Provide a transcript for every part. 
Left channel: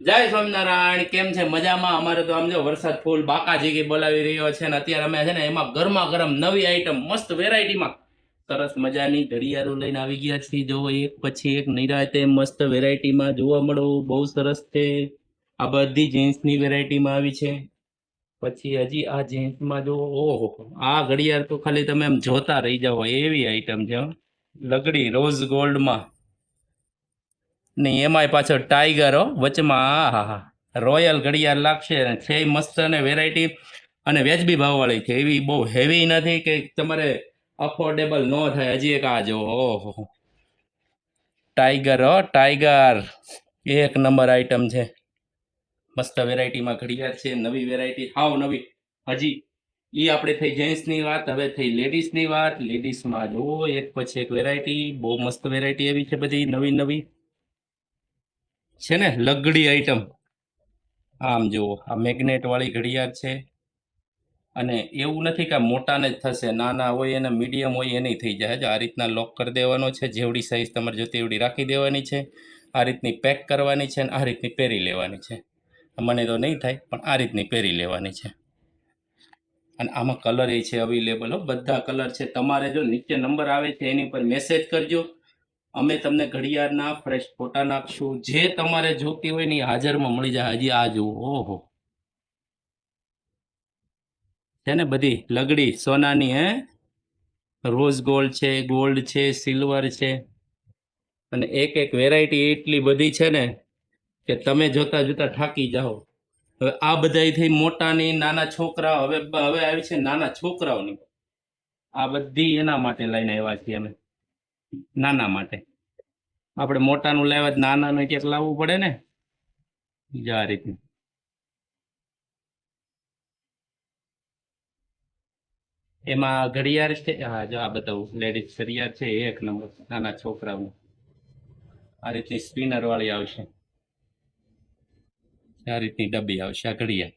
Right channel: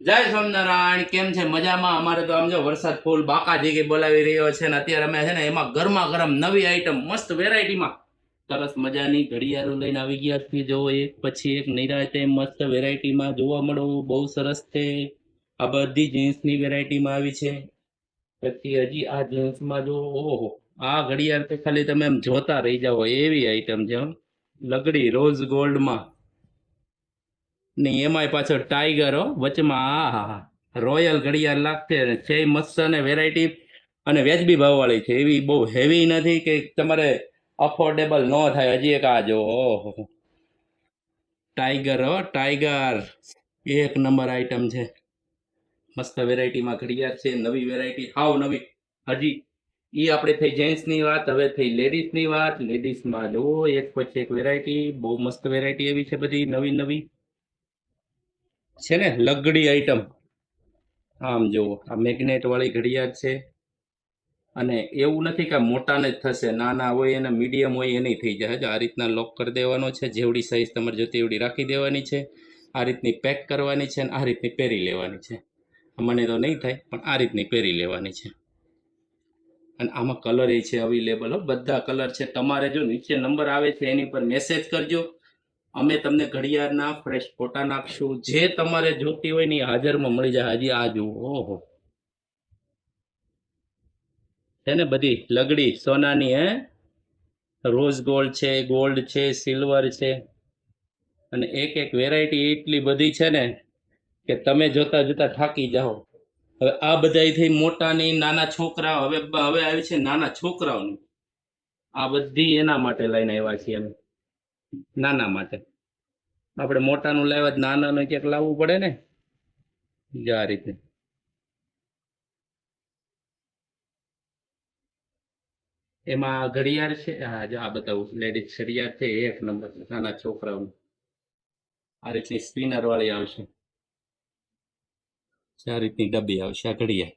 જય સ્વામિનારાયણ. કેમ છે? મજામાં? અમારે તો આમ જો વરસાદ ફૂલ બાકા જેગી બોલાવી રહ્યો છે ને અત્યારે અમે છે ને એમાં ગરમા ગરમ નવી આઈટમ મસ્ત વેરાયટીમાં સરસ મજાની ઘડિયાળો લઈને આવી ગયા છીએ. જોવો એક પછી એક નિરાતે મસ્ત વેરાયટીમાં જોવા મળો. બહુ સરસ છે. આ બધી જીન્સની વેરાયટીમાં આવી છે. પછી હજી આ જીન્સમાં જો ઓહો, આ ઘડિયાળ તો ખાલી તમે એમ જોતા રહી જાઓ એવી આઈટમ છે હો. લગડી રોઝ ગોલ્ડમાં નહીં, એમાંય પાછળ ટાઈગર હો વચમાં. આ હા હા, રોયલ ઘડિયાળ લાગશે ને છે મસ્ત અને વેરાયટી અને વ્યાજબી ભાવવાળી છે. એવી બહુ હેવી નથી કે તમારે અફોર્ડેબલ ન થાય. હજી એક આ જો ઓહો, ટાઈગર હો ટાઈગર, એક નંબર આઈટમ છે. મસ્ત વેરાયટીમાં ઘડિયાળ છે, નવી વેરાયટી હાવ નવી. હજી એ આપણે થઈ જેન્ટ્સની વાત, હવે થઈ લેડીઝની વાત. લેડીઝમાં જુઓ એક પછી એક વેરાયટી, બહુ મસ્ત વેરાયટી એવી છે બધી નવી નવી છે ને. લગડી આઈટમ આમ જુઓ, આ મેગ્નેટ વાળી ઘડિયાળ છે. અને એવું નથી કે મોટાને જ થશે, નાના હોય અને મીડિયમ હોય એની થઈ જાય. આ રીતના લોક કરી દેવાનો છે. જેવડી સાઈઝ તમારે જોતી એવડી રાખી દેવાની છે. આ રીતની પેક કરવાની છે અને આ રીતની પહેરી લેવાની છે. મને તો નહીં થાય પણ આ રીતની પહેરી લેવાની છે. અને આમાં કલર એ છે અવેલેબલ હો, બધા કલર છે. તમારે જો નીચે નંબર આવે છે એની પર મેસેજ કરજો. અમે તમને ઘડિયાળના ફ્રેશ ફોટા નાખશું. જે તમારે જોતી હોય ને એ હાજરમાં મળી જાય. હજી આ જુઓ, ઓહો, છે ને બધી લગડી સોનાની હે. રોઝ ગોલ્ડ છે, સિલ્વર છે. અને એક એક વેરાયટી એટલી બધી છે ને કે તમે જોતા જોતા થાકી જાઓ. હવે આ બધાથી મોટાની નાના છોકરા, હવે આવી છે નાના છોકરાઓની. આ બધી એના માટે લઈને આવ્યા છીએ અમે, નાના માટે. આપણે મોટાનું લાવ્યા તો નાનાનું ક્યાંક લાવવું પડે ને. જો આ રીતે એમાં ઘડિયાળ છે. હા જો આ બતાવું, લેડીઝ ઘડિયાળ છે એક નંબર, નાના છોકરાઓનું. આ રીતની સ્પિનર વાળી આવશે, આ રીતની ડબ્બી આવશે આ ઘડિયાળ.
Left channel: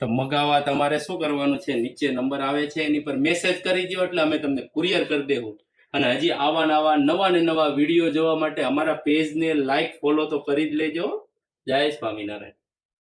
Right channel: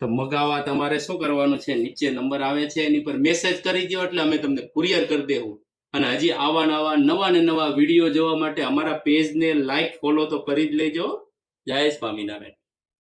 તો મગાવવા તમારે શું કરવાનું છે? નીચે નંબર આવે છે એની પર મેસેજ કરી દો એટલે અમે તમને કુરિયર કરી દેવું. અને હજી આવા નવા ને નવા વિડીયો જોવા માટે અમારા પેજને લાઈક ફોલો તો કરી જ લેજો. જય સ્વામિનારાયણ.